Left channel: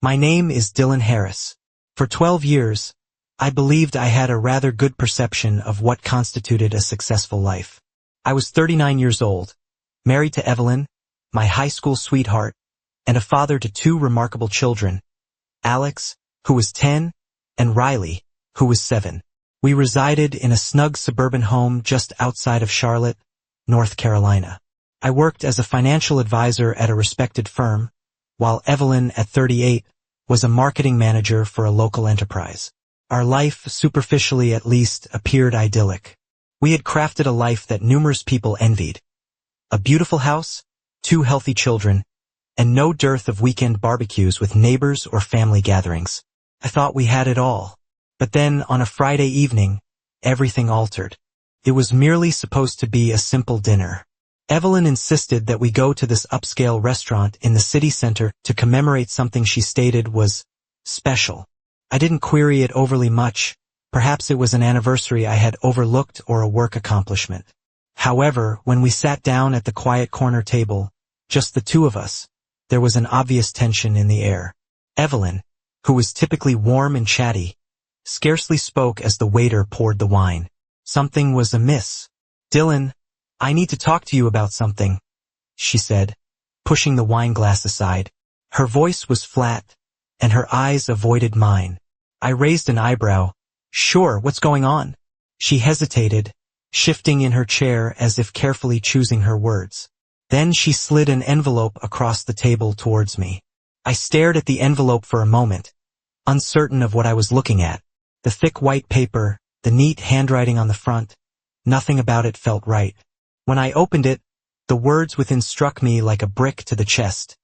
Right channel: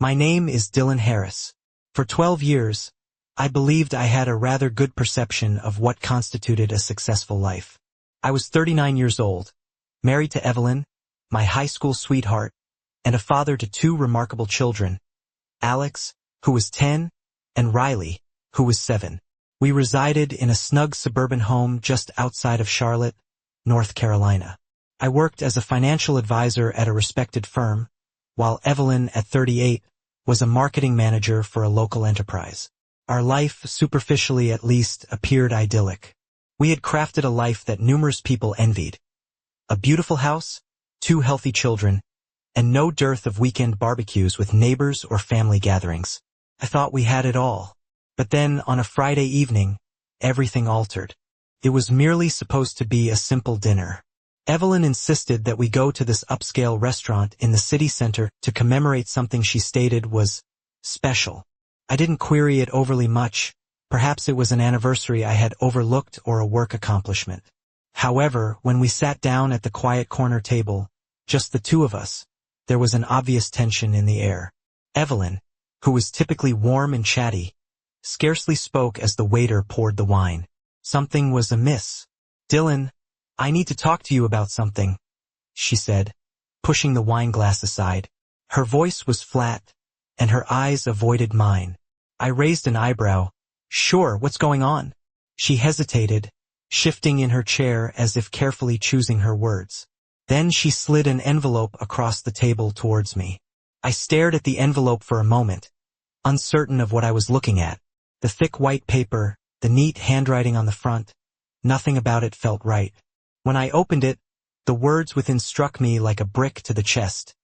My name is Dylan Harris. For 12 years, I believed I had a rather good perception of what constituted a successful life. I was 39 years old, married to Evelyn, my high school sweetheart, and a father to two remarkable children, Alex, who was 10, and Riley, who was 7. We resided in a snug suburban home just outside of Charlotte, North Carolina. I worked as a financial advisor at a respected firm, while Evelyn, at 38, was a marketing manager for a local enterprise. Our life, superficially at least, appeared idyllic. We had crafted a life that numerous people envied. A beautiful house, 2 healthy children, and no dearth of weekend barbecues with neighbors or family gatherings. I thought we had it all. But then, on a Friday evening, everything altered. It was merely supposed to be a simple dinner. Evelyn insisted that we go to this upscale restaurant in the city center to commemorate something she stated was special. I didn't query it overly much. Perhaps it was an anniversary I had overlooked or a work accomplishment. However, when we sat down at the quiet corner table, just the two of us, there was an obvious tension in the air. Evelyn, who was typically warm and chatty, scarcely spoke as the waiter poured the wine. Something was amiss. "Dylan, I need to talk to you about something," she said, pushing the wine glass aside. Her voice was flat, and her eyes avoided mine. I raised an eyebrow. "Sure, what's going on?" She hesitated, shifting in her chair as if carefully choosing her words. Then she slid an envelope across the table towards me. I stared at the envelope for a moment, uncertain of what I was looking at. The thick white paper, the neat handwriting on the front, nothing about it felt right. When I opened it, the words within struck me like a brick to the chest.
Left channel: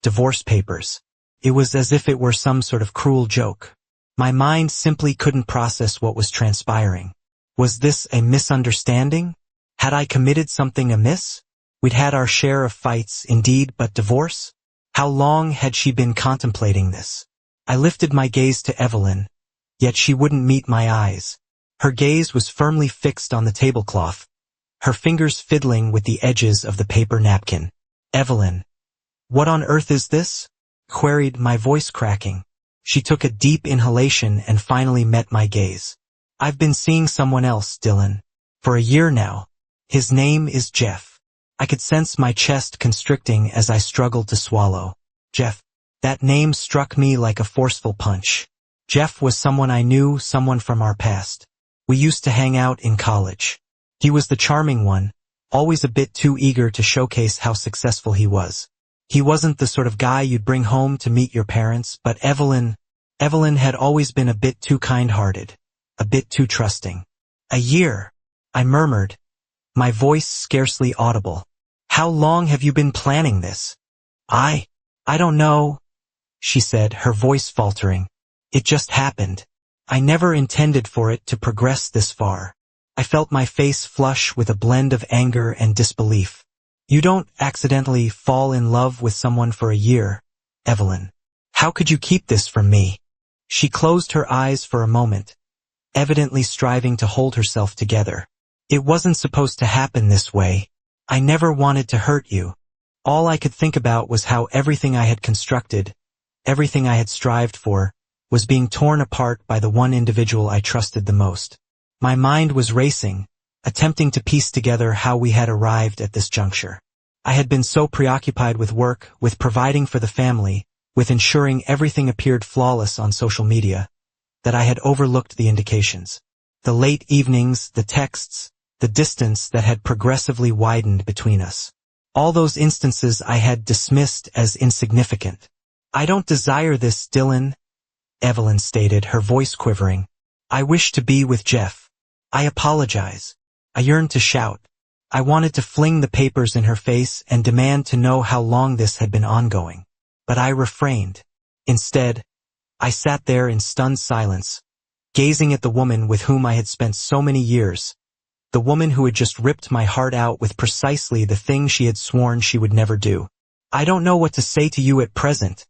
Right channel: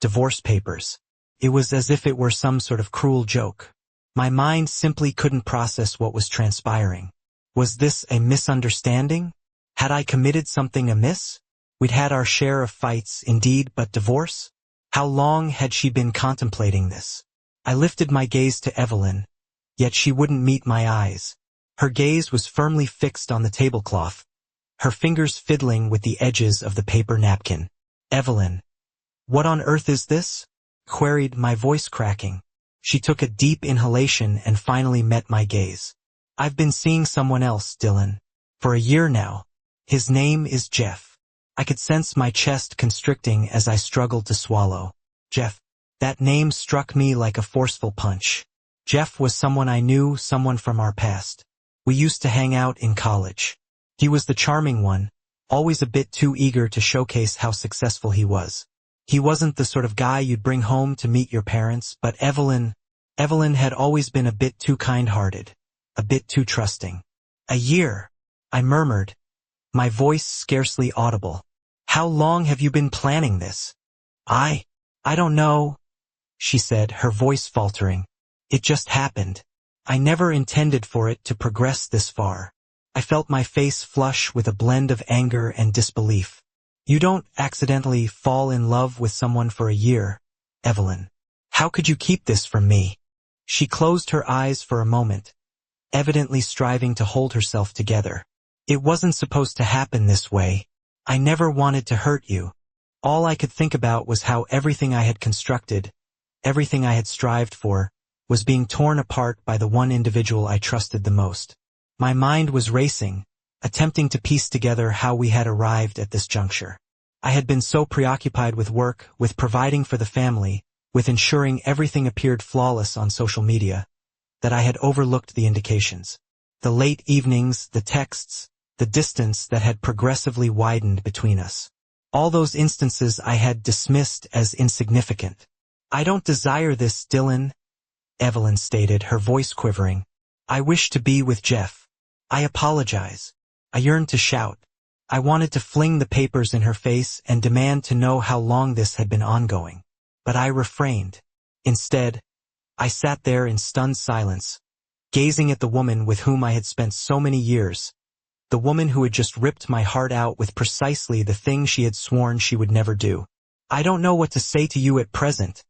Divorce papers. It was as if it were some sort of cruel joke. My mind simply couldn't process what was transpiring. Was this a misunderstanding? Had I committed something amiss? We'd had our share of fights, indeed, but divorce? How long had she been contemplating this? I lifted my gaze to Evelyn, yet she wouldn't meet my eyes. Her gaze was firmly fixed on the tablecloth, her fingers fiddling with the edges of the paper napkin. "Evelyn, what on earth is this?" queried, my voice cracking. She took a deep inhalation and finally met my gaze. "I've been seeing someone else, Dylan. For a year now. His name is Jeff." I could sense my chest constricting as I struggled to swallow. Jeff. That name struck me like a forceful punch. Jeff was someone I knew, someone from our past. We used to hang out in college. He was the charming one, always a bit too eager to showcase how successful he was. He wasn't the sort of guy you'd bring home to meet your parents, but Evelyn had always been a bit too kind-hearted, a bit too trusting. "A year," I murmured, my voice scarcely audible. "How long have you been planning this?" I don't know," she said, her voice faltering. "It just happened. I never intended for it to progress this far." I felt my face flush with a blend of anger and disbelief. "You don't accidentally fall in love with someone for a year, Evelyn. How could you keep this from me?" She closed her eyes for a moment, evidently striving to hold herself together. "It wasn't supposed to happen this way. I never wanted to hurt you. All I could think about was how everything I had constructed, everything I had strived for, was being torn apart by the one individual I trusted the most." My mind was racing, attempting to piece together how we had arrived at this juncture. I had been so preoccupied with work, with providing for the family, with ensuring everything appeared flawless on social media, that I had overlooked the indications. The late evenings, the texts, the distance that had progressively widened between us. All those instances I had dismissed as insignificant. "I don't desire this, Dylan," Evelyn stated, her voice quivering. "I wish to be with Jeff. I apologize." I yearned to shout. I wanted to fling the papers in her face and demand to know how long this had been ongoing. But I refrained. Instead, I sat there in stunned silence, gazing at the woman with whom I had spent so many years, the woman who had just ripped my heart out with precisely the thing she had sworn she would never do. "I don't know what to say to you at present,"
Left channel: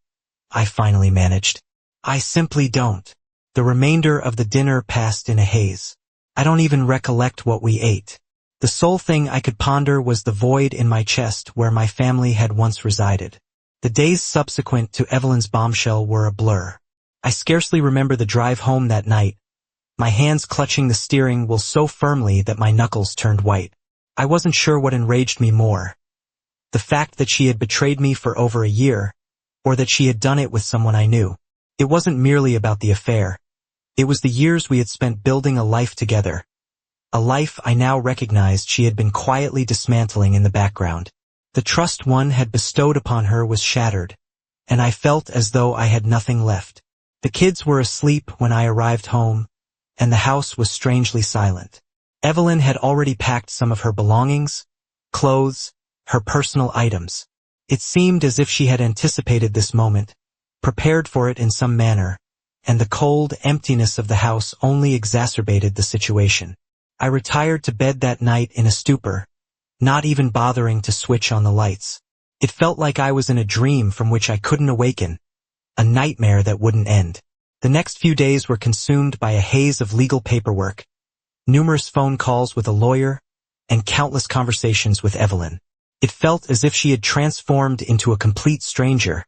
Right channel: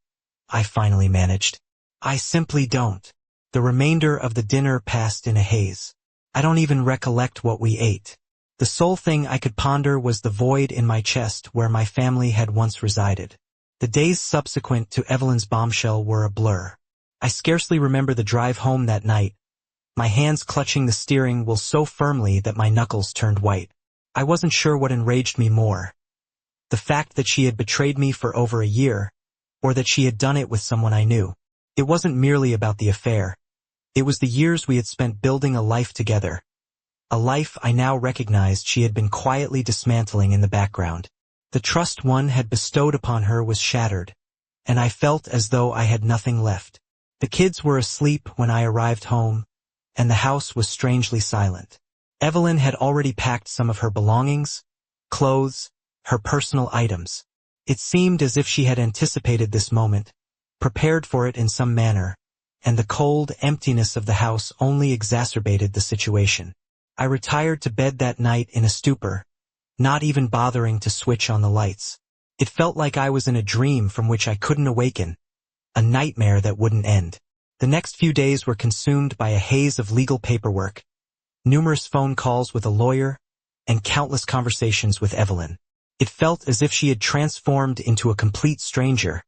I finally managed. "I simply don't." The remainder of the dinner passed in a haze. I don't even recollect what we ate. The sole thing I could ponder was the void in my chest where my family had once resided. The days subsequent to Evelyn's bombshell were a blur. I scarcely remember the drive home that night, my hands clutching the steering wheel so firmly that my knuckles turned white. I wasn't sure what enraged me more. The fact that she had betrayed me for over a year, or that she had done it with someone I knew. It wasn't merely about the affair. It was the years we had spent building a life together. A life I now recognized she had been quietly dismantling in the background. The trust one had bestowed upon her was shattered, and I felt as though I had nothing left. The kids were asleep when I arrived home, and the house was strangely silent. Evelyn had already packed some of her belongings, clothes, her personal items. It seemed as if she had anticipated this moment, prepared for it in some manner, and the cold emptiness of the house only exacerbated the situation. I retired to bed that night in a stupor, not even bothering to switch on the lights. It felt like I was in a dream from which I couldn't awaken, a nightmare that wouldn't end. The next few days were consumed by a haze of legal paperwork, numerous phone calls with a lawyer, and countless conversations with Evelyn. It felt as if she had transformed into a complete stranger,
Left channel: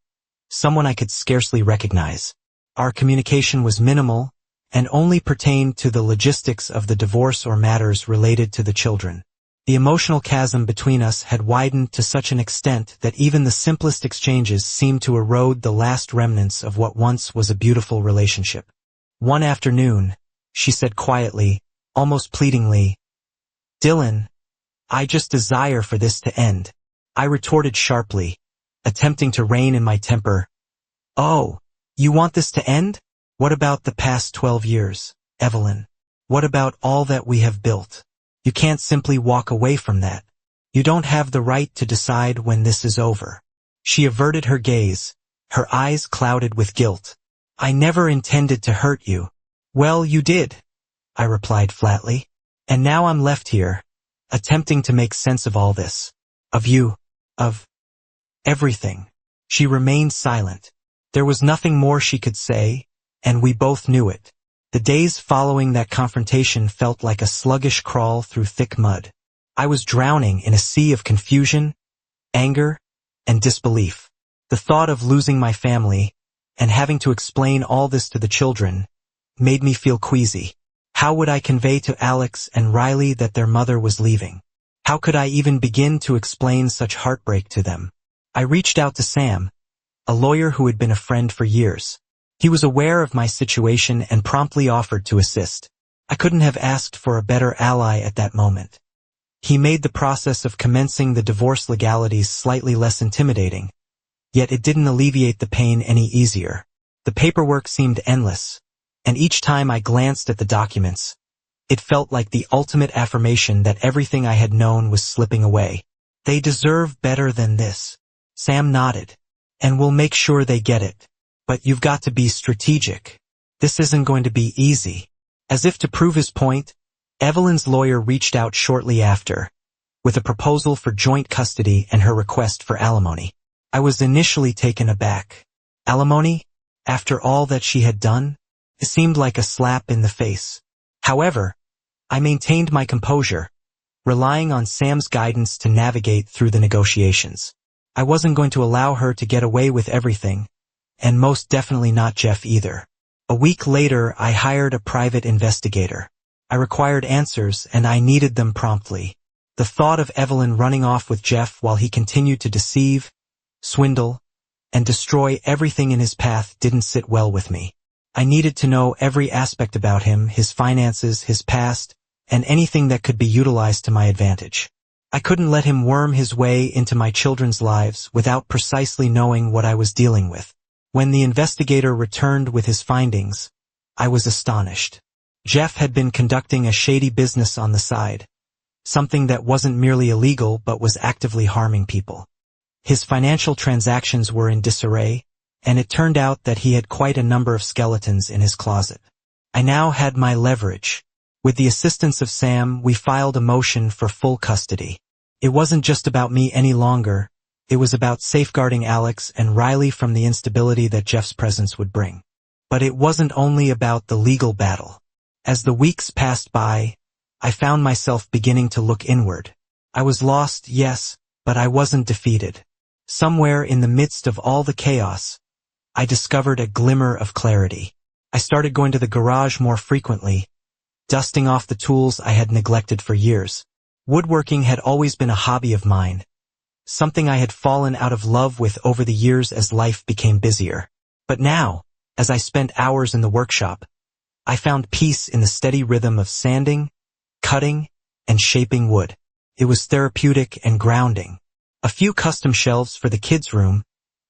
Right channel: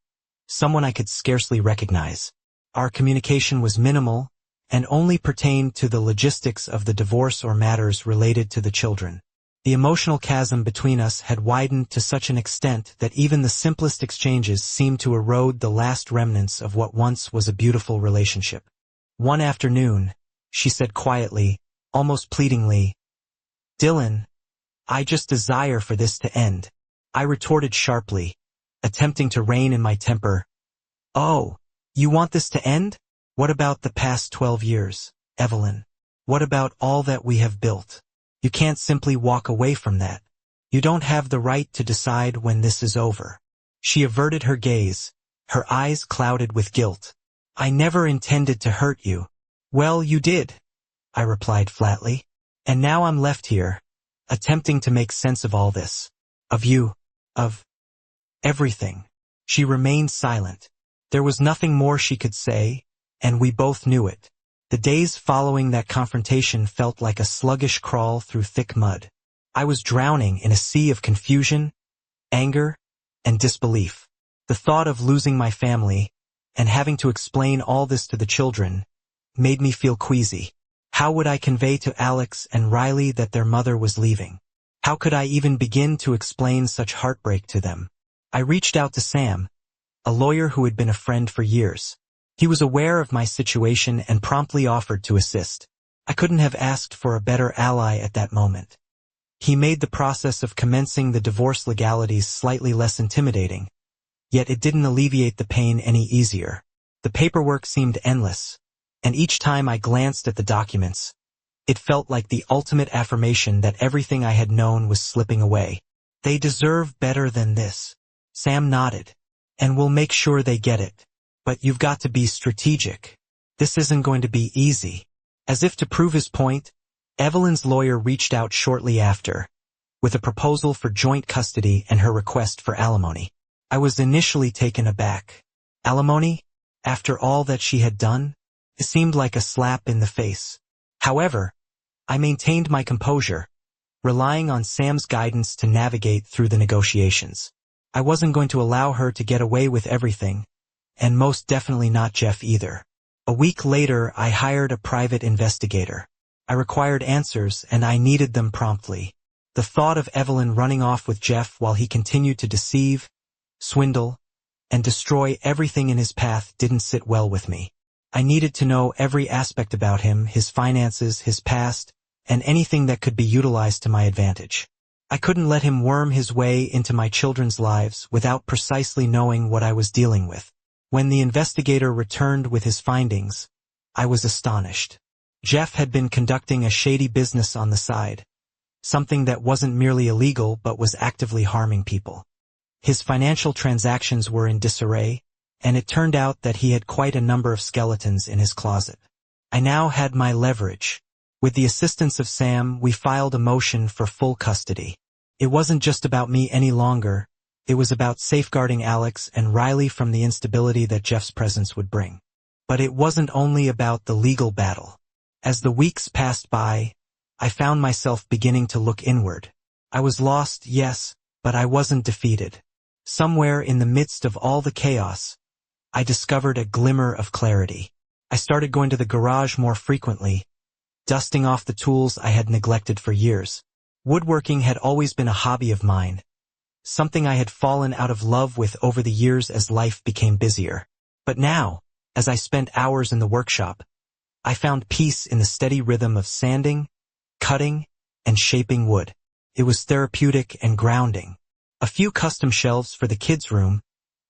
someone I could scarcely recognize. Our communication was minimal, and only pertained to the logistics of the divorce or matters related to the children. The emotional chasm between us had widened to such an extent that even the simplest exchanges seemed to erode the last remnants of what once was a beautiful relationship. One afternoon, she said quietly, almost pleadingly, "Dylan, I just desire for this to end." I retorted sharply, attempting to rein in my temper. "Oh, you want this to end? What about the past 12 years, Evelyn? What about all that we have built? You can't simply walk away from that. You don't have the right to decide when this is over." She averted her gaze, her eyes clouded with guilt. "I never intended to hurt you." "Well, you did," I replied flatly. "And now I'm left here, attempting to make sense of all this. Of you. Of everything." She remained silent. There was nothing more she could say, and we both knew it. The days following that confrontation felt like a sluggish crawl through thick mud. I was drowning in a sea of confusion, anger, and disbelief. The thought of losing my family, and having to explain all this to the children, made me feel queasy. How would I convey to Alex and Riley that their mother was leaving? How could I even begin to explain such heartbreak to them? I reached out to Sam, a lawyer who had been a friend for years. He was aware of my situation and promptly offered to assist. I couldn't have asked for a better ally at that moment. He made the process of commencing the divorce legalities slightly less intimidating, yet it didn't alleviate the pain any easier. The paperwork seemed endless, and each time I glanced at the documents, it felt like the ultimate affirmation that everything I had known was slipping away. "They deserve better than this." Sam nodded. "And we'll make sure they get it. But you've got to be strategic. This isn't going to be easy." As if to prove his point, Evelyn's lawyer reached out shortly after, with a proposal for joint custody and her request for alimony. I was initially taken aback. Alimony? After all that she had done? It seemed like a slap in the face. However, I maintained my composure, relying on Sam's guidance to navigate through the negotiations. I wasn't going to allow her to get away with everything, and most definitely not Jeff either. A week later, I hired a private investigator. I required answers, and I needed them promptly. The thought of Evelyn running off with Jeff while he continued to deceive, swindle, and destroy everything in his path didn't sit well with me. I needed to know every aspect about him, his finances, his past, and anything that could be utilized to my advantage. I couldn't let him worm his way into my children's lives without precisely knowing what I was dealing with. When the investigator returned with his findings, I was astonished. Jeff had been conducting a shady business on the side, something that wasn't merely illegal but was actively harming people. His financial transactions were in disarray, and it turned out that he had quite a number of skeletons in his closet. I now had my leverage. With the assistance of Sam, we filed a motion for full custody. It wasn't just about me any longer. It was about safeguarding Alex and Riley from the instability that Jeff's presence would bring. But it wasn't only about the legal battle. As the weeks passed by, I found myself beginning to look inward. I was lost, yes, but I wasn't defeated. Somewhere in the midst of all the chaos, I discovered a glimmer of clarity. I started going to the garage more frequently, dusting off the tools I had neglected for years. Woodworking had always been a hobby of mine, something I had fallen out of love with over the years as life became busier. But now, as I spent hours in the workshop, I found peace in the steady rhythm of sanding, cutting, and shaping wood. It was therapeutic and grounding. A few custom shelves for the kids' room,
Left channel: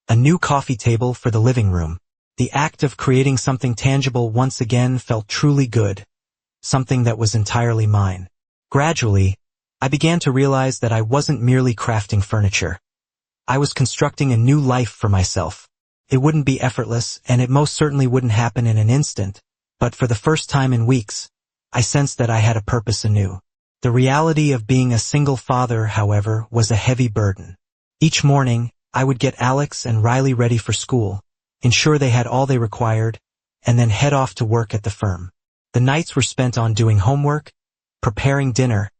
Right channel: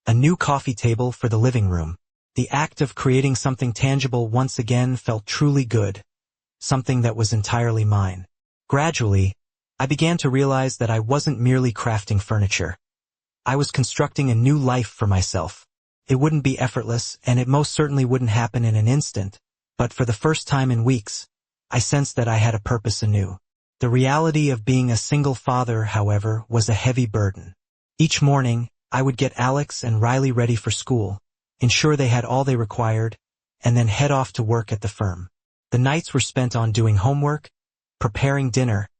a new coffee table for the living room. The act of creating something tangible once again felt truly good, something that was entirely mine. Gradually, I began to realize that I wasn't merely crafting furniture. I was constructing a new life for myself. It wouldn't be effortless, and it most certainly wouldn't happen in an instant, but for the first time in weeks, I sensed that I had a purpose anew. The reality of being a single father, however, was a heavy burden. Each morning, I would get Alex and Riley ready for school, ensure they had all they required, and then head off to work at the firm. The nights were spent on doing homework, preparing dinner,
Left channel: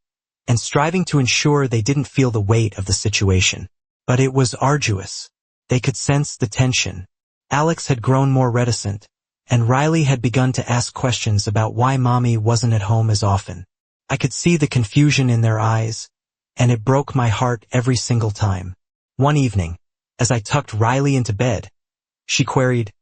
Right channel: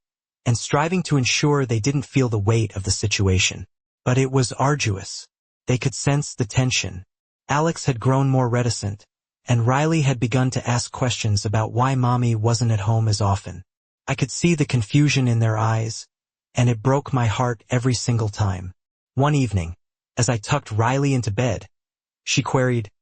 and striving to ensure they didn't feel the weight of the situation. But it was arduous. They could sense the tension. Alex had grown more reticent, and Riley had begun to ask questions about why Mommy wasn't at home as often. I could see the confusion in their eyes, and it broke my heart every single time. One evening, as I tucked Riley into bed, she queried,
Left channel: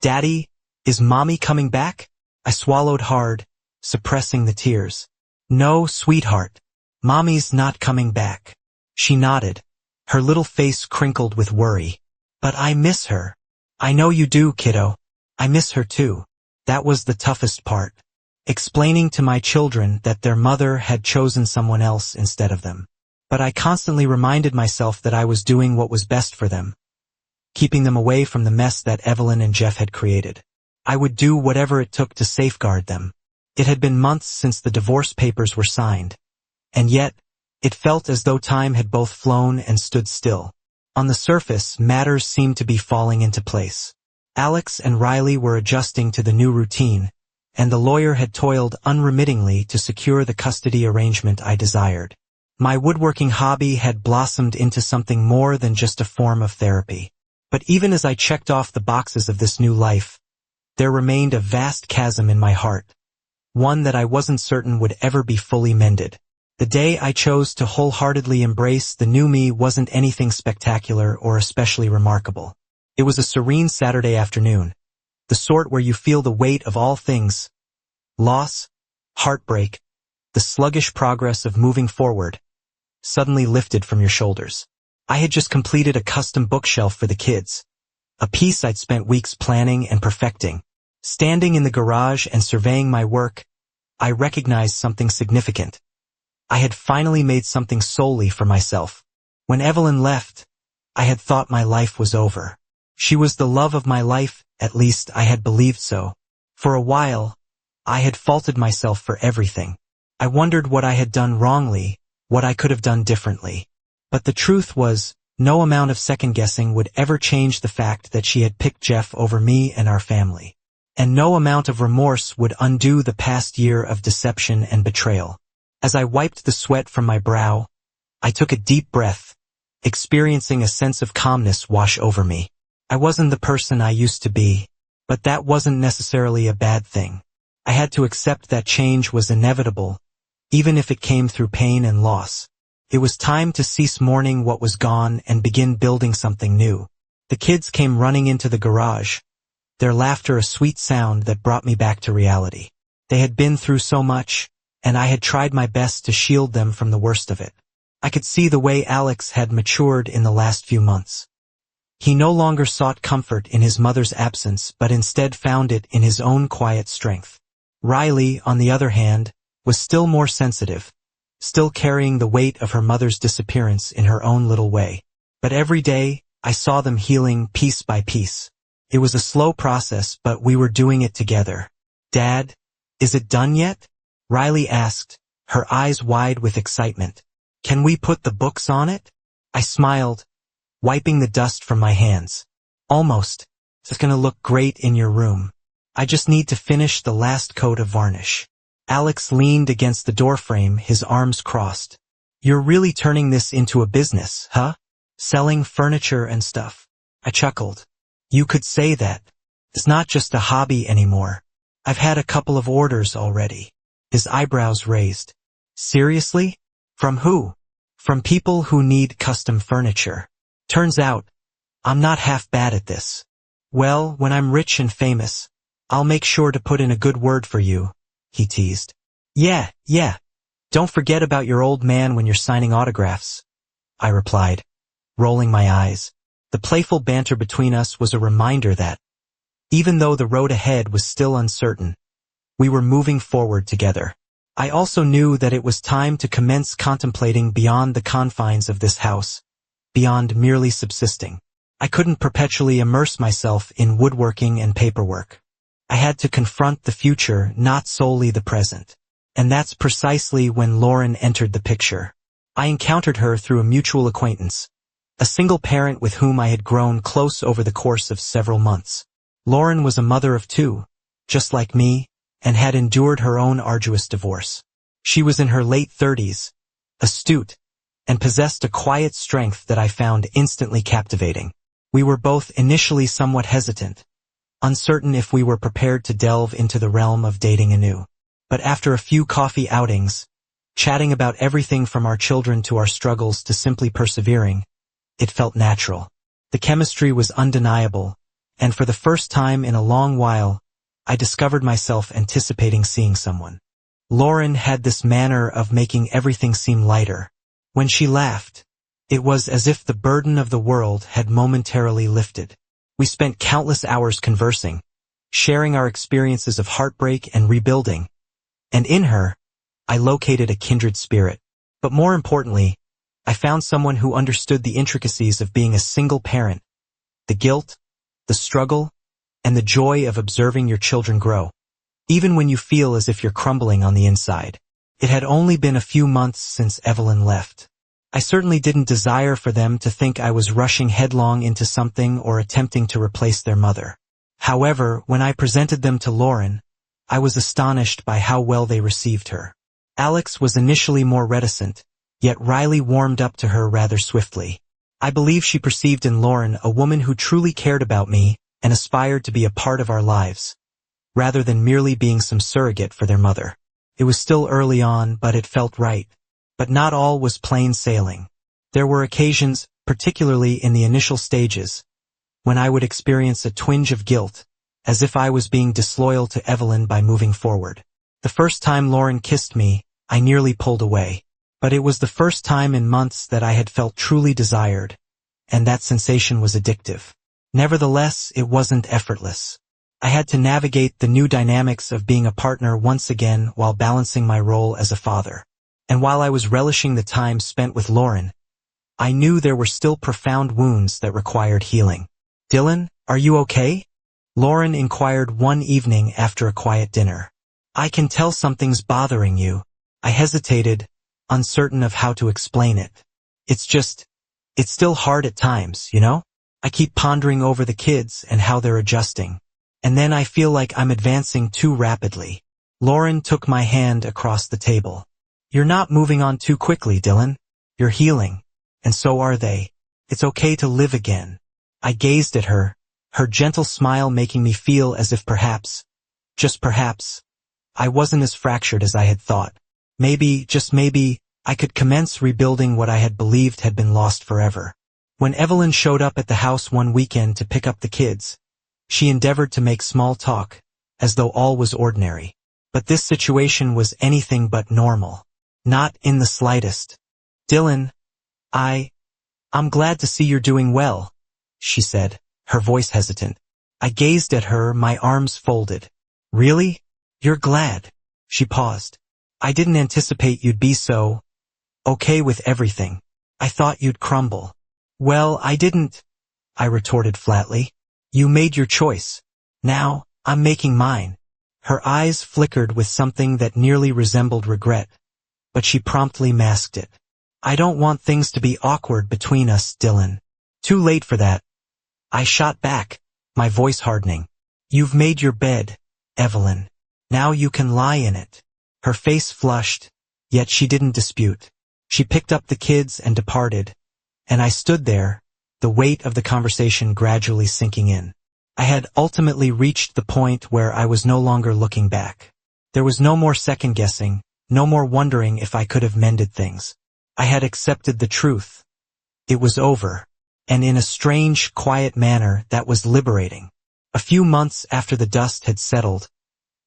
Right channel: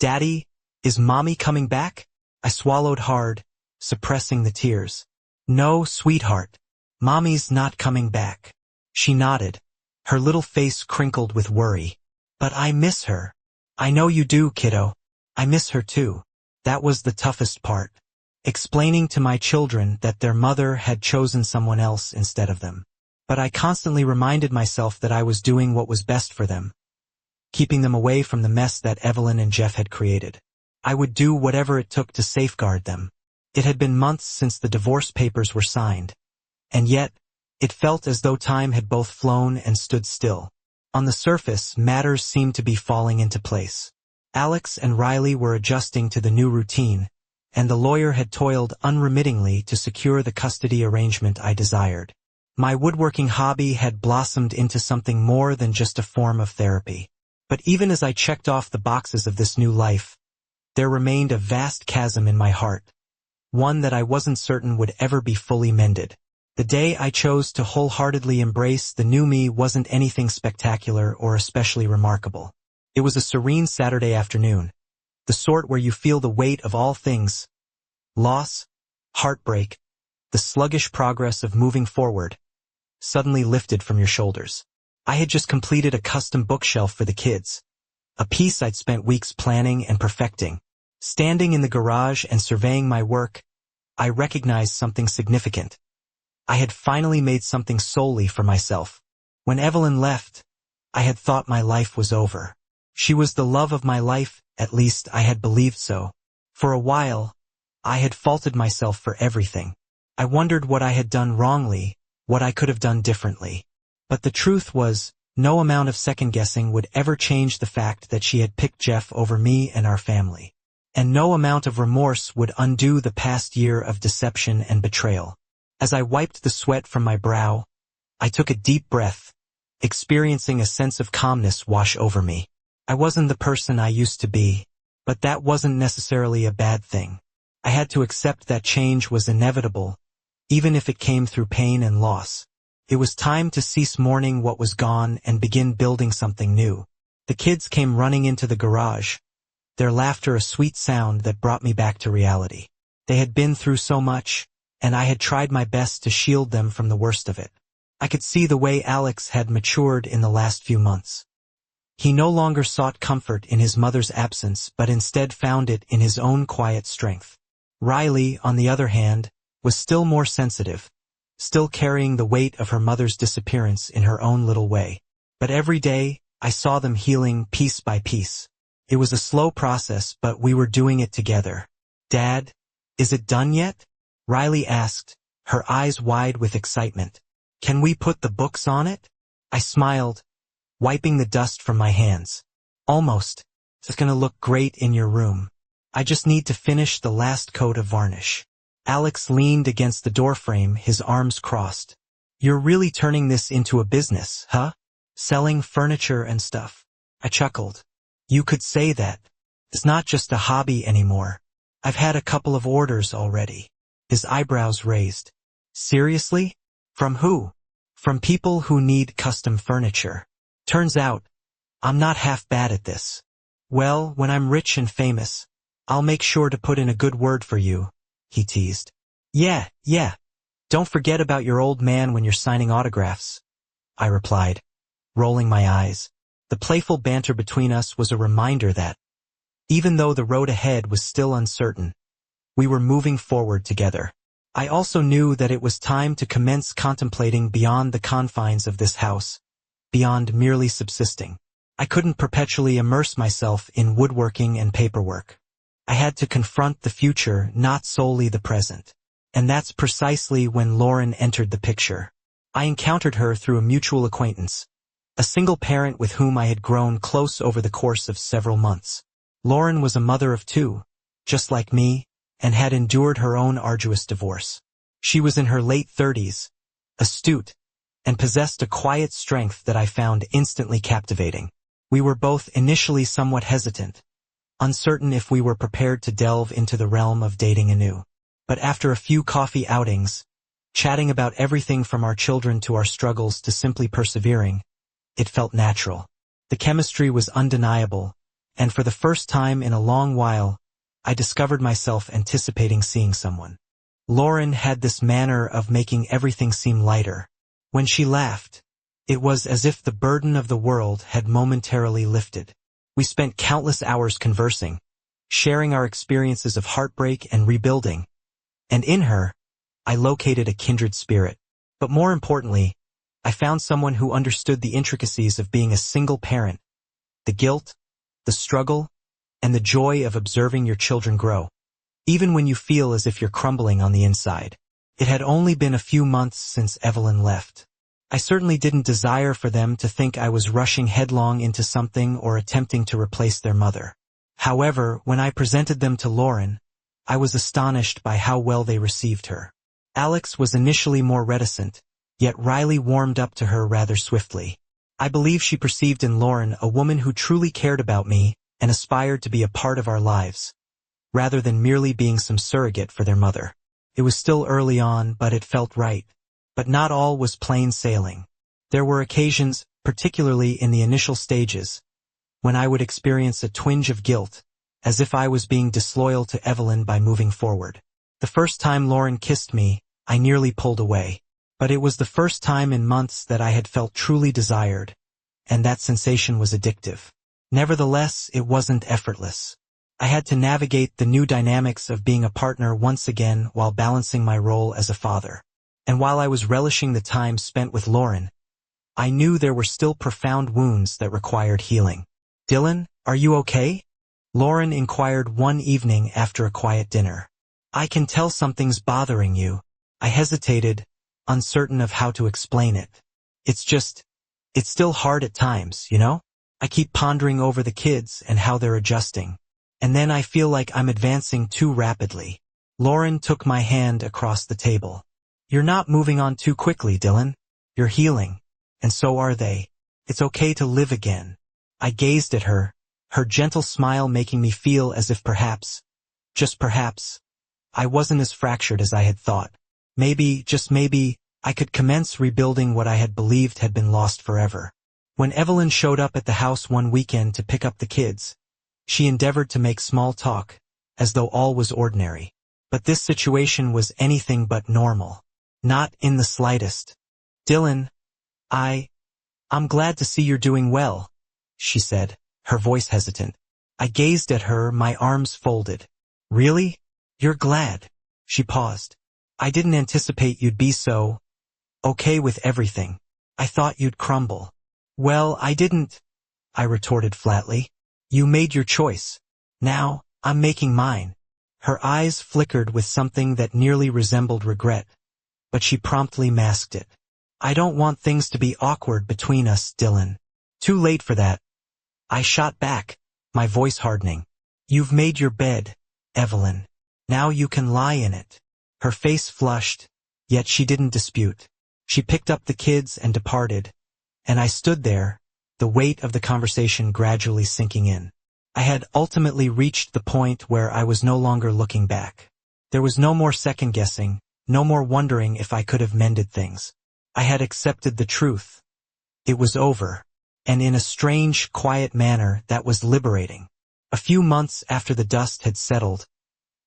"Daddy, is Mommy coming back?" I swallowed hard, suppressing the tears. "No, sweetheart. Mommy's not coming back." She nodded, her little face crinkled with worry. "But I miss her." "I know you do, kiddo. I miss her too." That was the toughest part. Explaining to my children that their mother had chosen someone else instead of them. But I constantly reminded myself that I was doing what was best for them, keeping them away from the mess that Evelyn and Jeff had created. I would do whatever it took to safeguard them. It had been months since the divorce papers were signed, and yet, it felt as though time had both flown and stood still. On the surface, matters seemed to be falling into place. Alex and Riley were adjusting to the new routine, and the lawyer had toiled unremittingly to secure the custody arrangement I desired. My woodworking hobby had blossomed into something more than just a form of therapy. But even as I checked off the boxes of this new life, there remained a vast chasm in my heart, one that I wasn't certain would ever be fully mended. The day I chose to wholeheartedly embrace the new me wasn't anything spectacular or especially remarkable. It was a serene Saturday afternoon, the sort where you feel the weight of all things: loss, heartbreak, the sluggish progress of moving forward, suddenly lifted from your shoulders. I had just completed a custom bookshelf for the kids, a piece I'd spent weeks planning and perfecting. Standing in the garage and surveying my work, I recognized something significant. I had finally made something solely for myself. When Evelyn left, I had thought my life was over. She was the love of my life, at least I had believed so. For a while, I had faulted myself for everything. I wondered what I had done wrongly, what I could have done differently. But the truth was, no amount of second-guessing would ever change the fact that she had picked Jeff over me and our family. And no amount of remorse would undo the past year of deception and betrayal. As I wiped the sweat from my brow, I took a deep breath, experiencing a sense of calmness wash over me. I wasn't the person I used to be, but that wasn't necessarily a bad thing. I had to accept that change was inevitable, even if it came through pain and loss. It was time to cease mourning what was gone and begin building something new. The kids came running into the garage, their laughter a sweet sound that brought me back to reality. They had been through so much, and I had tried my best to shield them from the worst of it. I could see the way Alex had matured in the last few months. He no longer sought comfort in his mother's absence but instead found it in his own quiet strength. Riley, on the other hand, was still more sensitive, still carrying the weight of her mother's disappearance in her own little way. But every day, I saw them healing piece by piece. It was a slow process, but we were doing it together. "Dad, is it done yet?" Riley asked, her eyes wide with excitement. "Can we put the books on it?" I smiled, wiping the dust from my hands. "Almost. It's gonna look great in your room. I just need to finish the last coat of varnish." Alex leaned against the doorframe, his arms crossed. "You're really turning this into a business, huh?" selling furniture and stuff. I chuckled. You could say that. It's not just a hobby anymore. I've had a couple of orders already. His eyebrows raised. Seriously? From who? From people who need custom furniture. Turns out, I'm not half bad at this. Well, when I'm rich and famous, I'll make sure to put in a good word for you, he teased. Yeah. Don't forget about your old man when you're signing autographs, I replied, rolling my eyes. The playful banter between us was a reminder that, even though the road ahead was still uncertain, we were moving forward together. I also knew that it was time to commence contemplating beyond the confines of this house, beyond merely subsisting. I couldn't perpetually immerse myself in woodworking and paperwork. I had to confront the future, not solely the present. And that's precisely when Lauren entered the picture. I encountered her through a mutual acquaintance, a single parent with whom I had grown close over the course of several months. Lauren was a mother of two, just like me, and had endured her own arduous divorce. She was in her late 30s, astute, and possessed a quiet strength that I found instantly captivating. We were both initially somewhat hesitant, uncertain if we were prepared to delve into the realm of dating anew. But after a few coffee outings, chatting about everything from our children to our struggles to simply persevering, it felt natural. The chemistry was undeniable, and for the first time in a long while, I discovered myself anticipating seeing someone. Lauren had this manner of making everything seem lighter. When she laughed, it was as if the burden of the world had momentarily lifted. We spent countless hours conversing, sharing our experiences of heartbreak and rebuilding. And in her, I located a kindred spirit. But more importantly, I found someone who understood the intricacies of being a single parent, the guilt, the struggle, and the joy of observing your children grow, even when you feel as if you're crumbling on the inside. It had only been a few months since Evelyn left. I certainly didn't desire for them to think I was rushing headlong into something or attempting to replace their mother. However, when I presented them to Lauren, I was astonished by how well they received her. Alex was initially more reticent, yet Riley warmed up to her rather swiftly. I believe she perceived in Lauren a woman who truly cared about me and aspired to be a part of our lives, rather than merely being some surrogate for their mother. It was still early on, but it felt right. But not all was plain sailing. There were occasions, particularly in the initial stages, when I would experience a twinge of guilt, as if I was being disloyal to Evelyn by moving forward. The first time Lauren kissed me, I nearly pulled away. But it was the first time in months that I had felt truly desired, and that sensation was addictive. Nevertheless, it wasn't effortless. I had to navigate the new dynamics of being a partner once again while balancing my role as a father. And while I was relishing the time spent with Lauren, I knew there were still profound wounds that required healing. "Dylan, are you okay?" Lauren inquired one evening after a quiet dinner. "I can tell something's bothering you." I hesitated, uncertain of how to explain it. It's still hard at times, you know? I keep pondering over the kids and how they're adjusting. And then I feel like I'm advancing too rapidly. Lauren took my hand across the table. "You're not moving on too quickly, Dylan. You're healing. And so are they. It's okay to live again." I gazed at her, her gentle smile making me feel as if perhaps, just perhaps, I wasn't as fractured as I had thought. Maybe, just maybe, I could commence rebuilding what I had believed had been lost forever. When Evelyn showed up at the house one weekend to pick up the kids, she endeavored to make small talk, as though all was ordinary. But this situation was anything but normal. Not in the slightest. "Dylan, I'm glad to see you're doing well," she said, her voice hesitant. I gazed at her, my arms folded. "Really? You're glad?" She paused. "I didn't anticipate you'd be so okay with everything. I thought you'd crumble." "Well, I didn't," I retorted flatly. "You made your choice. Now, I'm making mine." Her eyes flickered with something that nearly resembled regret, but she promptly masked it. "I don't want things to be awkward between us, Dylan." "Too late for that," I shot back, my voice hardening. "You've made your bed, Evelyn. Now you can lie in it." Her face flushed, yet she didn't dispute. She picked up the kids and departed, and I stood there, the weight of the conversation gradually sinking in. I had ultimately reached the point where I was no longer looking back. There was no more second-guessing, no more wondering if I could have mended things. I had accepted the truth. It was over. And in a strange, quiet manner that was liberating. A few months after the dust had settled,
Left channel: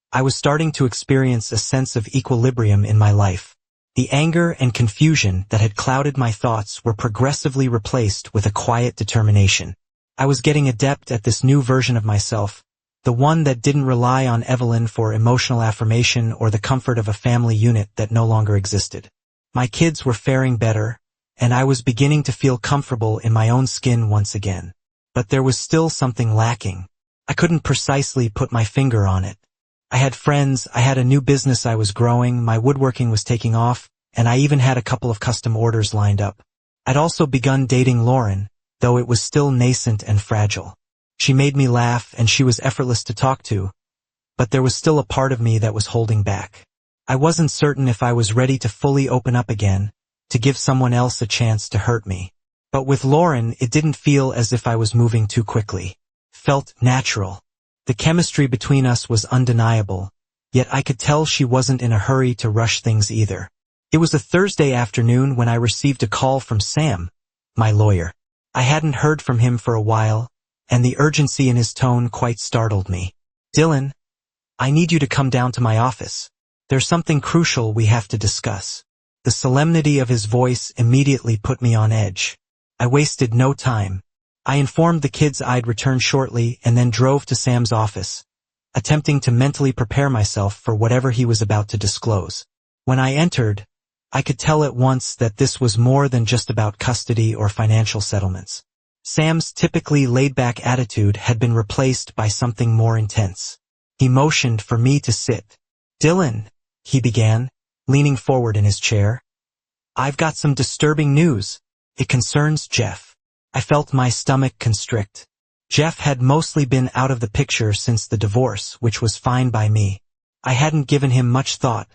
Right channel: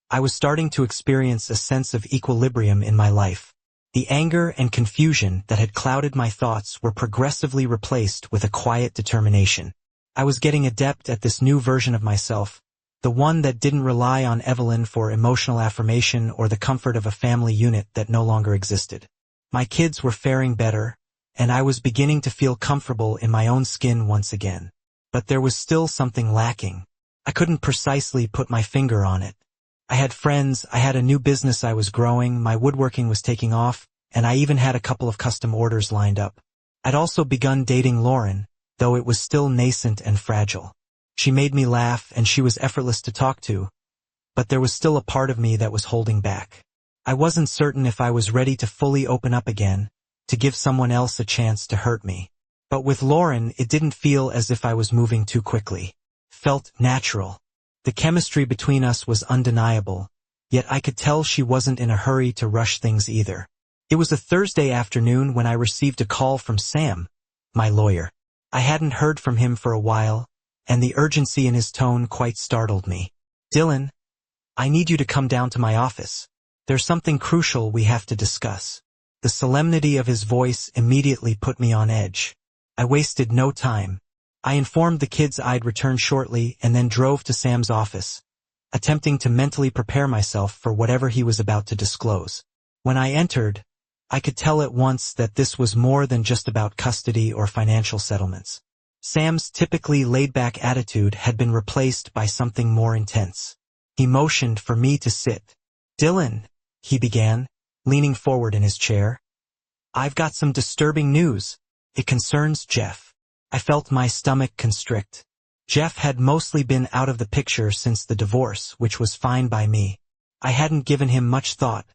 I was starting to experience a sense of equilibrium in my life. The anger and confusion that had clouded my thoughts were progressively replaced with a quiet determination. I was getting adept at this new version of myself, the one that didn't rely on Evelyn for emotional affirmation or the comfort of a family unit that no longer existed. My kids were faring better, and I was beginning to feel comfortable in my own skin once again. But there was still something lacking. I couldn't precisely put my finger on it. I had friends, I had a new business I was growing, my woodworking was taking off, and I even had a couple of custom orders lined up. I'd also begun dating Lauren, though it was still nascent and fragile. She made me laugh and she was effortless to talk to, but there was still a part of me that was holding back. I wasn't certain if I was ready to fully open up again, to give someone else a chance to hurt me. But with Lauren, it didn't feel as if I was moving too quickly. Felt natural. The chemistry between us was undeniable, yet I could tell she wasn't in a hurry to rush things either. It was a Thursday afternoon when I received a call from Sam, my lawyer. I hadn't heard from him for a while, and the urgency in his tone quite startled me. "Dylan, I need you to come down to my office. There's something crucial we have to discuss." The solemnity of his voice immediately put me on edge. I wasted no time. I informed the kids I'd return shortly and then drove to Sam's office, attempting to mentally prepare myself for whatever he was about to disclose. When I entered, I could tell at once that this was more than just about custody or financial settlements. Sam's typically laid-back attitude had been replaced by something more intense. He motioned for me to sit. "Dylan," he began, leaning forward in his chair, "I've got some disturbing news. It concerns Jeff." I felt my stomach constrict. Jeff had mostly been out of the picture since the divorce, which was fine by me. I hadn't given him much thought,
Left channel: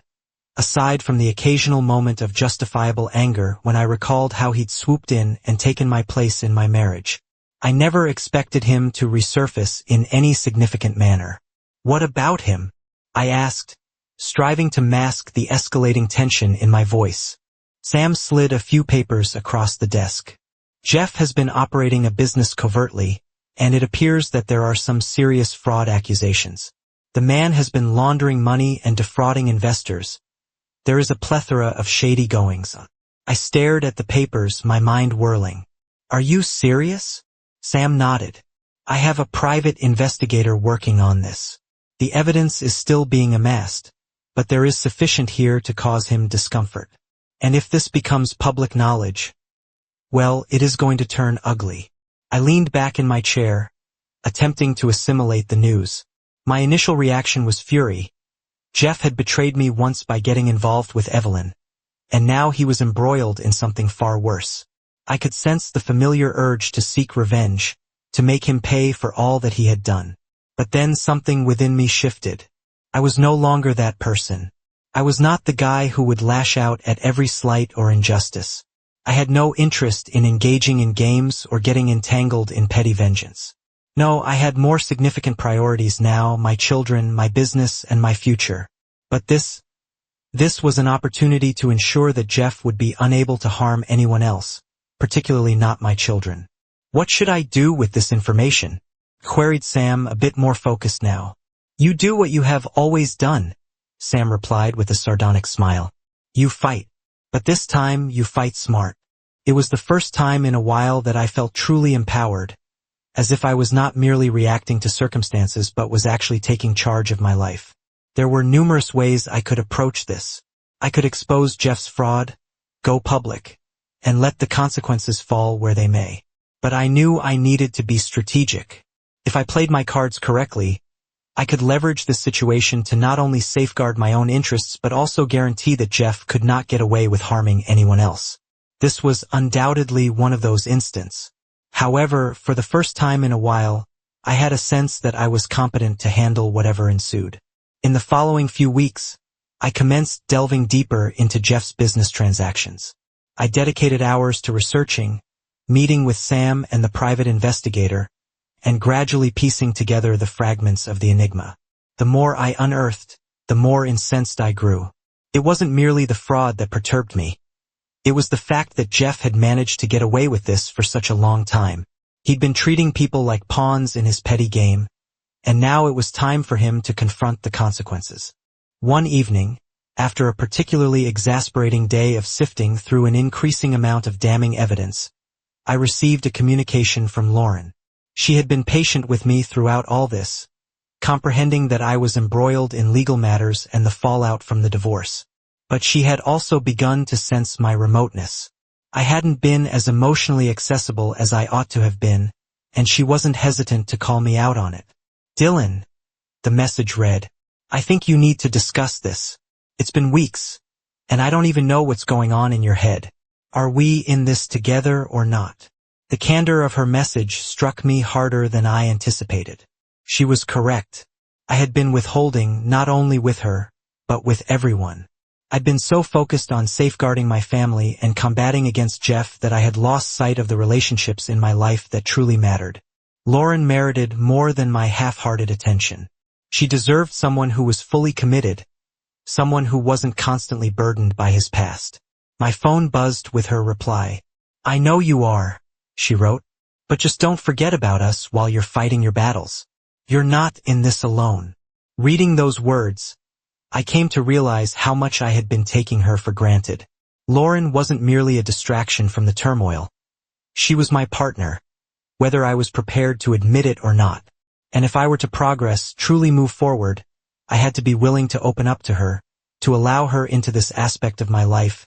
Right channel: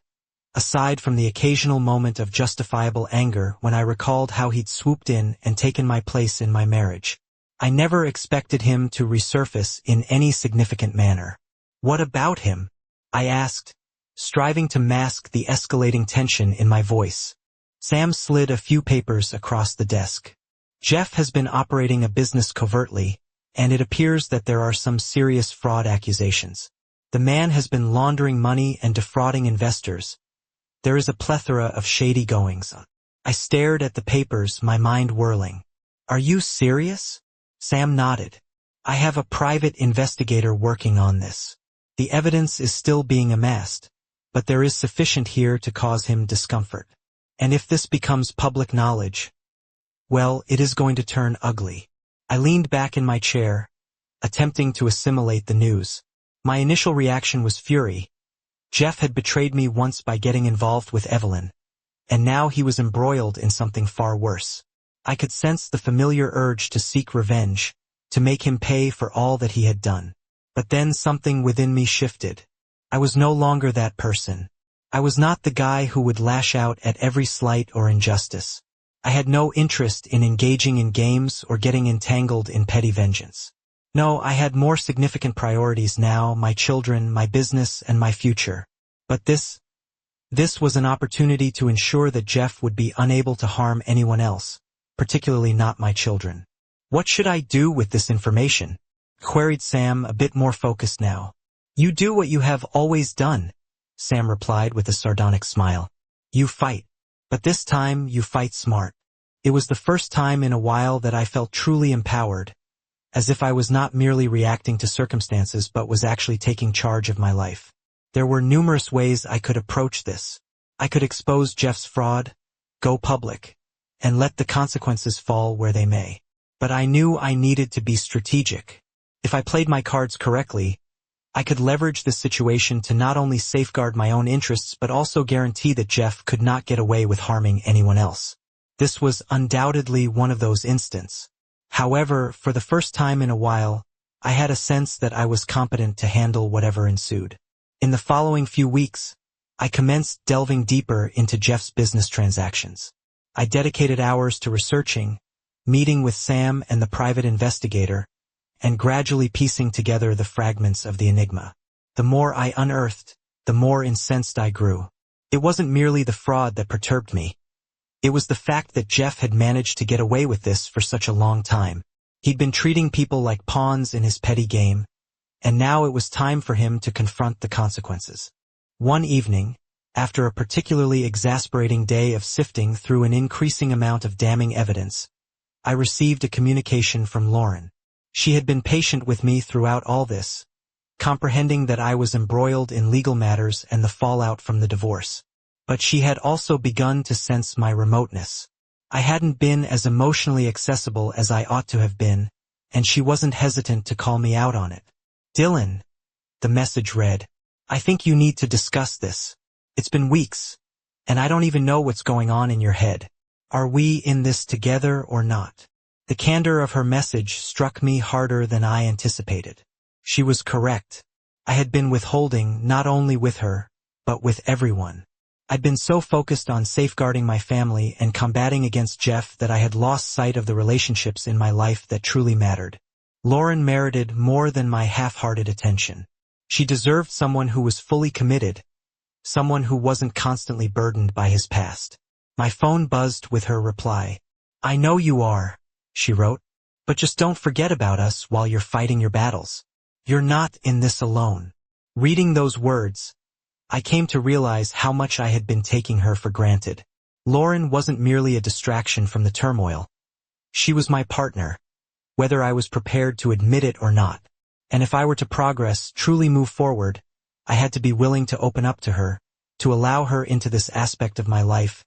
aside from the occasional moment of justifiable anger when I recalled how he'd swooped in and taken my place in my marriage. I never expected him to resurface in any significant manner. "What about him?" I asked, striving to mask the escalating tension in my voice. Sam slid a few papers across the desk. "Jeff has been operating a business covertly, and it appears that there are some serious fraud accusations. The man has been laundering money and defrauding investors. There is a plethora of shady goings-on." I stared at the papers, my mind whirling. "Are you serious?" Sam nodded. "I have a private investigator working on this. The evidence is still being amassed, but there is sufficient here to cause him discomfort. And if this becomes public knowledge, well, it is going to turn ugly." I leaned back in my chair, attempting to assimilate the news. My initial reaction was fury. Jeff had betrayed me once by getting involved with Evelyn, and now he was embroiled in something far worse. I could sense the familiar urge to seek revenge, to make him pay for all that he had done. But then something within me shifted. I was no longer that person. I was not the guy who would lash out at every slight or injustice. I had no interest in engaging in games or getting entangled in petty vengeance. No, I had more significant priorities now, my children, my business, and my future. But this was an opportunity to ensure that Jeff would be unable to harm anyone else, particularly not my children. "What should I do with this information?" queried Sam, a bit more focused now. "You do what you have always done," Sam replied with a sardonic smile. "You fight. But this time, you fight smart." It was the first time in a while that I felt truly empowered, as if I was not merely reacting to circumstances but was actually taking charge of my life. There were numerous ways I could approach this. I could expose Jeff's fraud, go public, and let the consequences fall where they may. But I knew I needed to be strategic. If I played my cards correctly, I could leverage this situation to not only safeguard my own interests but also guarantee that Jeff could not get away with harming anyone else. This was undoubtedly one of those instances. However, for the first time in a while, I had a sense that I was competent to handle whatever ensued. In the following few weeks, I commenced delving deeper into Jeff's business transactions. I dedicated hours to researching, meeting with Sam and the private investigator, and gradually piecing together the fragments of the enigma. The more I unearthed, the more incensed I grew. It wasn't merely the fraud that perturbed me. It was the fact that Jeff had managed to get away with this for such a long time. He'd been treating people like pawns in his petty game, and now it was time for him to confront the consequences. One evening, after a particularly exasperating day of sifting through an increasing amount of damning evidence, I received a communication from Lauren. She had been patient with me throughout all this, comprehending that I was embroiled in legal matters and the fallout from the divorce. But she had also begun to sense my remoteness. I hadn't been as emotionally accessible as I ought to have been, and she wasn't hesitant to call me out on it. "Dylan," the message read, "I think you need to discuss this. It's been weeks, and I don't even know what's going on in your head. Are we in this together or not?" The candor of her message struck me harder than I anticipated. She was correct. I had been withholding not only with her, but with everyone. I'd been so focused on safeguarding my family and combating against Jeff that I had lost sight of the relationships in my life that truly mattered. Lauren merited more than my half-hearted attention. She deserved someone who was fully committed, someone who wasn't constantly burdened by his past. My phone buzzed with her reply. "I know you are," she wrote, "but just don't forget about us while you're fighting your battles. You're not in this alone." Reading those words, I came to realize how much I had been taking her for granted. Lauren wasn't merely a distraction from the turmoil. She was my partner, whether I was prepared to admit it or not. And if I were to progress, truly move forward, I had to be willing to open up to her, to allow her into this aspect of my life,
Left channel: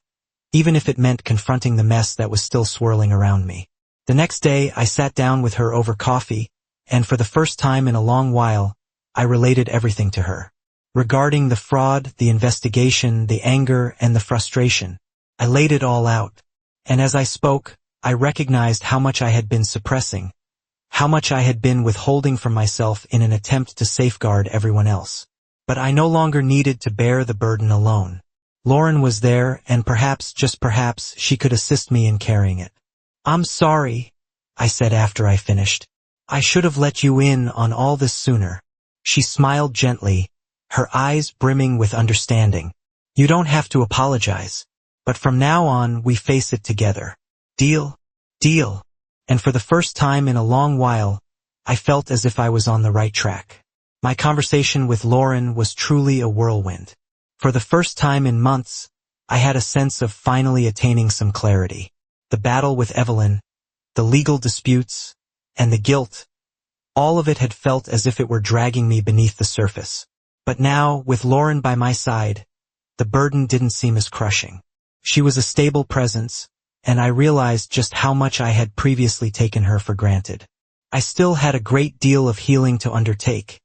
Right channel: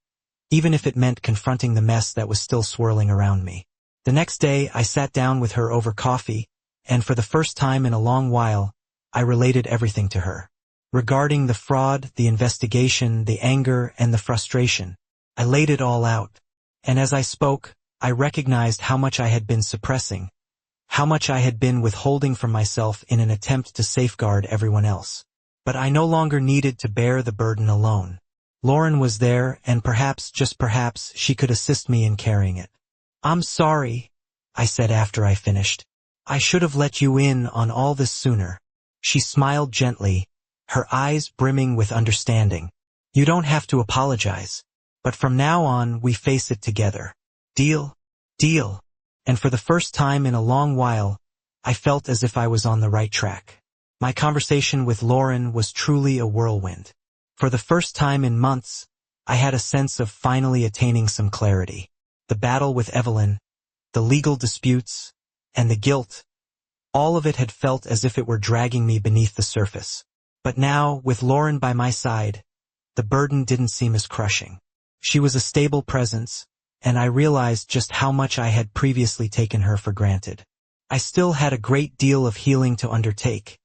even if it meant confronting the mess that was still swirling around me. The next day, I sat down with her over coffee, and for the first time in a long while, I related everything to her. Regarding the fraud, the investigation, the anger, and the frustration, I laid it all out. And as I spoke, I recognized how much I had been suppressing, how much I had been withholding from myself in an attempt to safeguard everyone else. But I no longer needed to bear the burden alone. Lauren was there, and perhaps, just perhaps, she could assist me in carrying it. "I'm sorry," I said after I finished. "I should have let you in on all this sooner." She smiled gently, her eyes brimming with understanding. "You don't have to apologize. But from now on, we face it together. Deal?" "Deal." And for the first time in a long while, I felt as if I was on the right track. My conversation with Lauren was truly a whirlwind. For the first time in months, I had a sense of finally attaining some clarity. The battle with Evelyn, the legal disputes, and the guilt, all of it had felt as if it were dragging me beneath the surface. But now, with Lauren by my side, the burden didn't seem as crushing. She was a stable presence, and I realized just how much I had previously taken her for granted. I still had a great deal of healing to undertake,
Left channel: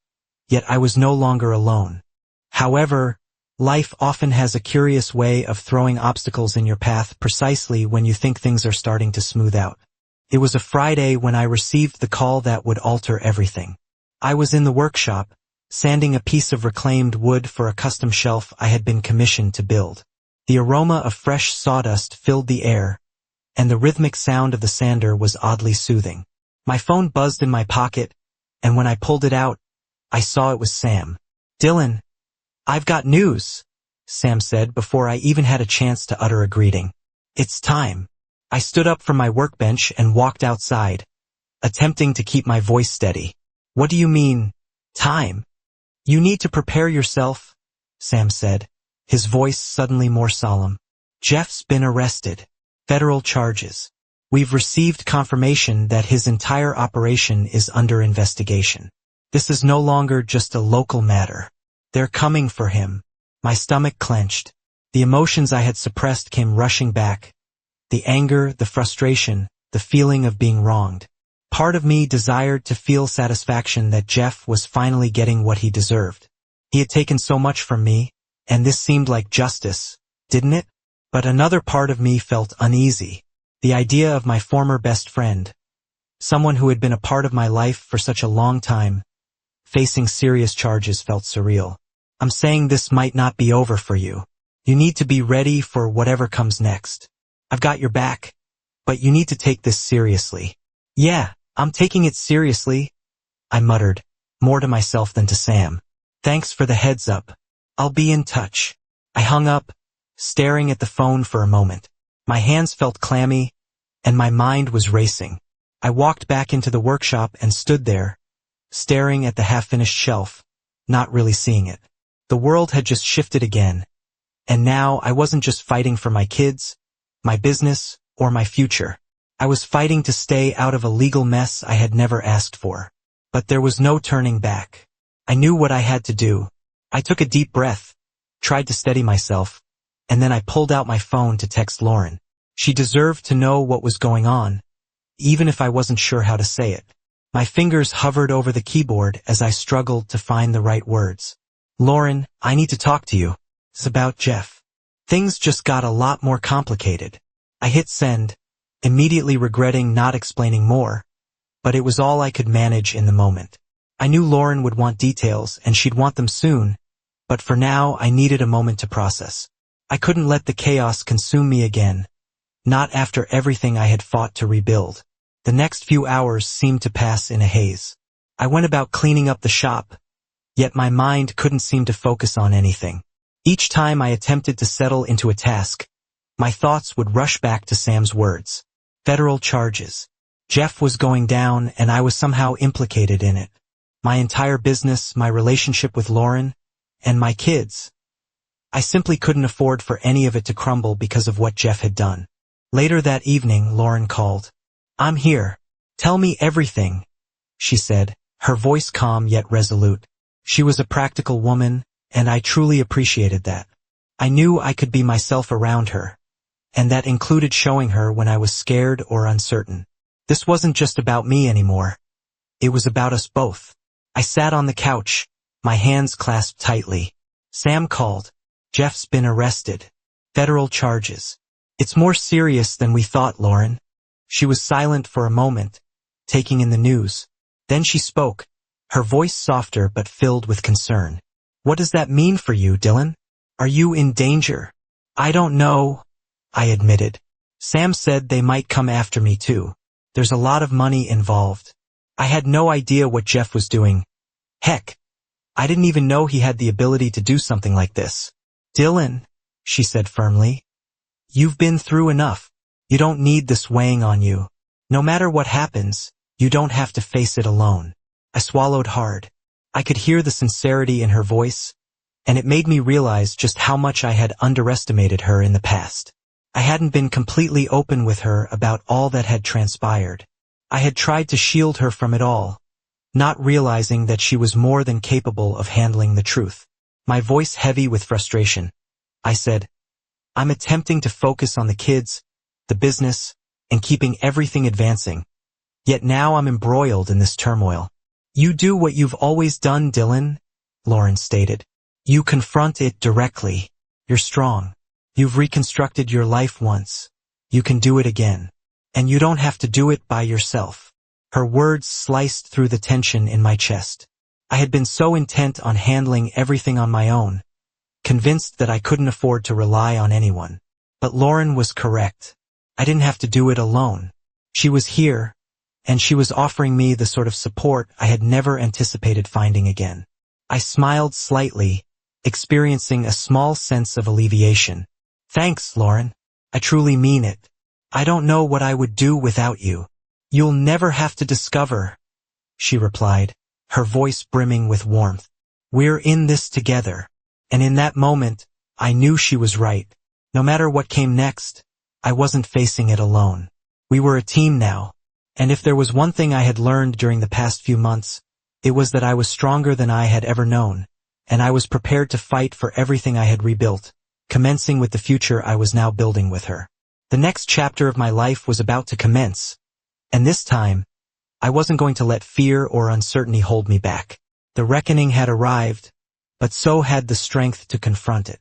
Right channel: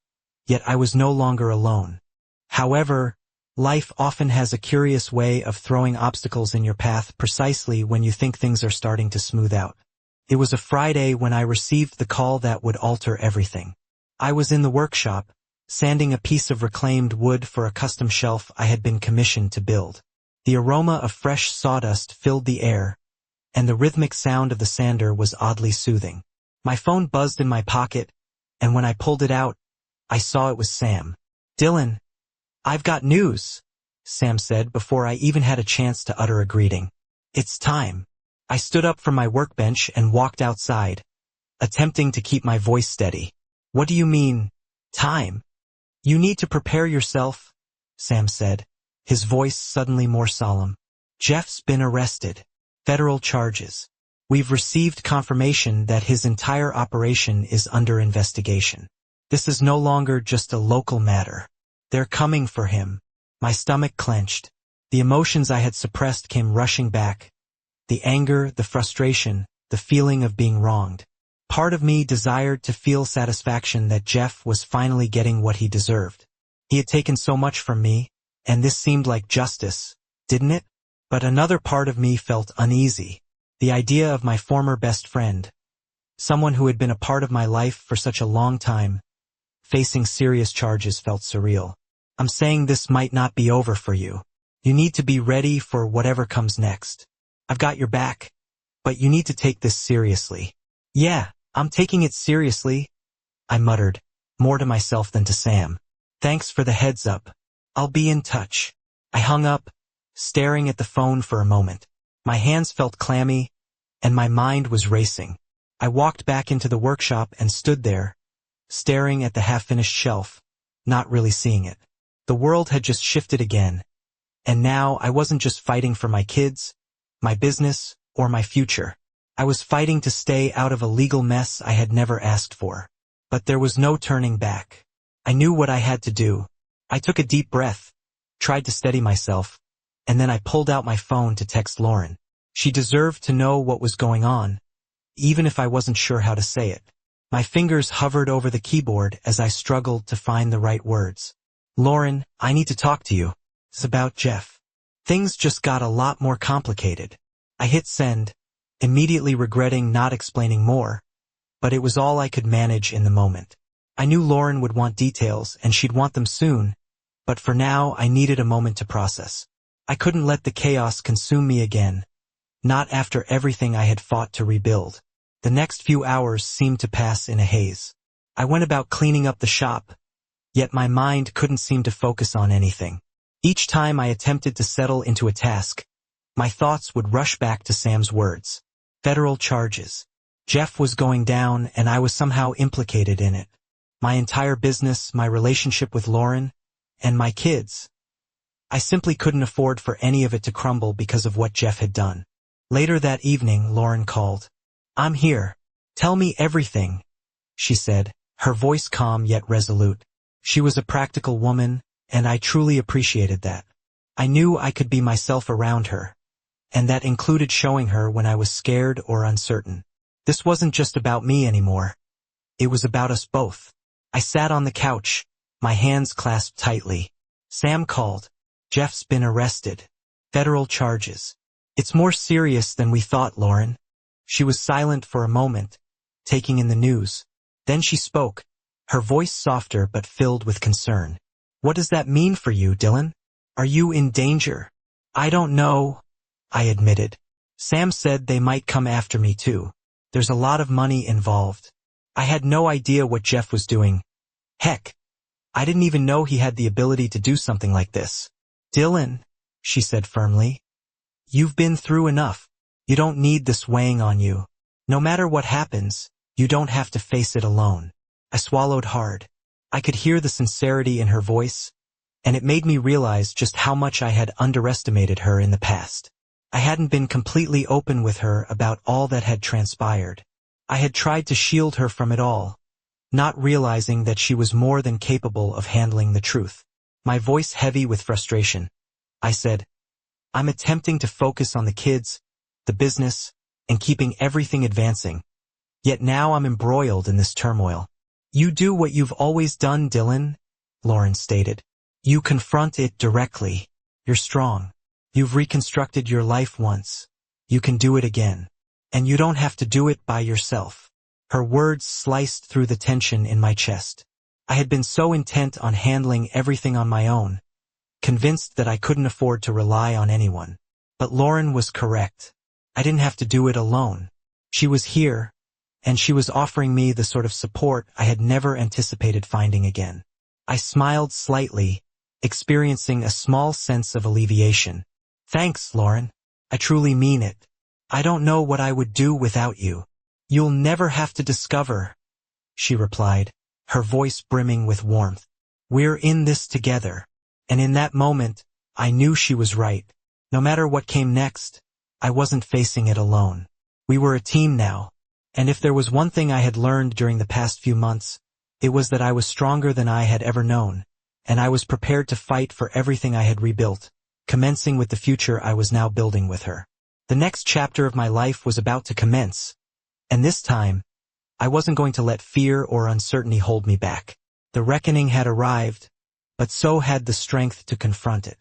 yet I was no longer alone. However, life often has a curious way of throwing obstacles in your path precisely when you think things are starting to smooth out. It was a Friday when I received the call that would alter everything. I was in the workshop, sanding a piece of reclaimed wood for a custom shelf I had been commissioned to build. The aroma of fresh sawdust filled the air, and the rhythmic sound of the sander was oddly soothing. My phone buzzed in my pocket, and when I pulled it out, I saw it was Sam. "Dylan, I've got news," Sam said before I even had a chance to utter a greeting. "It's time." I stood up from my workbench and walked outside, attempting to keep my voice steady. "What do you mean, time?" "You need to prepare yourself," Sam said, his voice suddenly more solemn. "Jeff's been arrested. Federal charges. We've received confirmation that his entire operation is under investigation. This is no longer just a local matter. They're coming for him." My stomach clenched. The emotions I had suppressed came rushing back. The anger, the frustration, the feeling of being wronged. Part of me desired to feel satisfaction that Jeff was finally getting what he deserved. He had taken so much from me, and this seemed like justice, didn't it? But another part of me felt uneasy. The idea of my former best friend, someone who had been a part of my life for such a long time, facing serious charges felt surreal. "I'm saying this might not be over for you. You need to be ready for whatever comes next. I've got your back," But you need to take this seriously. Yeah, I'm taking it seriously, I muttered, more to myself than to Sam. Thanks for the heads up. I'll be in touch. I hung up, staring at the phone for a moment. My hands felt clammy, and my mind was racing. I walked back into the workshop and stood there, staring at the half-finished shelf, not really seeing it. The world had just shifted again, and now I wasn't just fighting for my kids, my business, or my future. I was fighting to stay out of a legal mess I had never asked for. But there was no turning back. I knew what I had to do. I took a deep breath, tried to steady myself, and then I pulled out my phone to text Lauren. She deserved to know what was going on, even if I wasn't sure how to say it. My fingers hovered over the keyboard as I struggled to find the right words. Lauren, I need to talk to you. It's about Jeff. Things just got a lot more complicated. I hit send, immediately regretting not explaining more, but it was all I could manage in the moment. I knew Lauren would want details and she'd want them soon, but for now I needed a moment to process. I couldn't let the chaos consume me again, not after everything I had fought to rebuild. The next few hours seemed to pass in a haze. I went about cleaning up the shop, yet my mind couldn't seem to focus on anything. Each time I attempted to settle into a task, my thoughts would rush back to Sam's words. Federal charges. Jeff was going down and I was somehow implicated in it. My entire business, my relationship with Lauren, and my kids. I simply couldn't afford for any of it to crumble because of what Jeff had done. Later that evening, Lauren called. I'm here. Tell me everything, she said, her voice calm yet resolute. She was a practical woman, and I truly appreciated that. I knew I could be myself around her, and that included showing her when I was scared or uncertain. This wasn't just about me anymore. It was about us both. I sat on the couch, my hands clasped tightly. Sam called. Jeff's been arrested. Federal charges. It's more serious than we thought, Lauren. She was silent for a moment, taking in the news. Then she spoke, her voice softer but filled with concern. What does that mean for you, Dylan? Are you in danger? I don't know, I admitted. Sam said they might come after me too. There's a lot of money involved. I had no idea what Jeff was doing. Heck, I didn't even know he had the ability to do something like this. Dylan, she said firmly, you've been through enough. You don't need this weighing on you. No matter what happens, you don't have to face it alone. I swallowed hard. I could hear the sincerity in her voice, and it made me realize just how much I had underestimated her in the past. I hadn't been completely open with her about all that had transpired. I had tried to shield her from it all, not realizing that she was more than capable of handling the truth. My voice heavy with frustration, I said, I'm attempting to focus on the kids, the business, and keeping everything advancing. Yet now I'm embroiled in this turmoil. You do what you've always done, Dylan, Lauren stated. You confront it directly. You're strong. You've reconstructed your life once. You can do it again. And you don't have to do it by yourself. Her words sliced through the tension in my chest. I had been so intent on handling everything on my own, convinced that I couldn't afford to rely on anyone. But Lauren was correct. I didn't have to do it alone. She was here, and she was offering me the sort of support I had never anticipated finding again. I smiled slightly, experiencing a small sense of alleviation. Thanks, Lauren. I truly mean it. I don't know what I would do without you. You'll never have to discover, she replied, her voice brimming with warmth. We're in this together. And in that moment, I knew she was right. No matter what came next, I wasn't facing it alone. We were a team now. And if there was one thing I had learned during the past few months, it was that I was stronger than I had ever known, and I was prepared to fight for everything I had rebuilt, commencing with the future I was now building with her. The next chapter of my life was about to commence, and this time, I wasn't going to let fear or uncertainty hold me back. The reckoning had arrived, but so had the strength to confront it.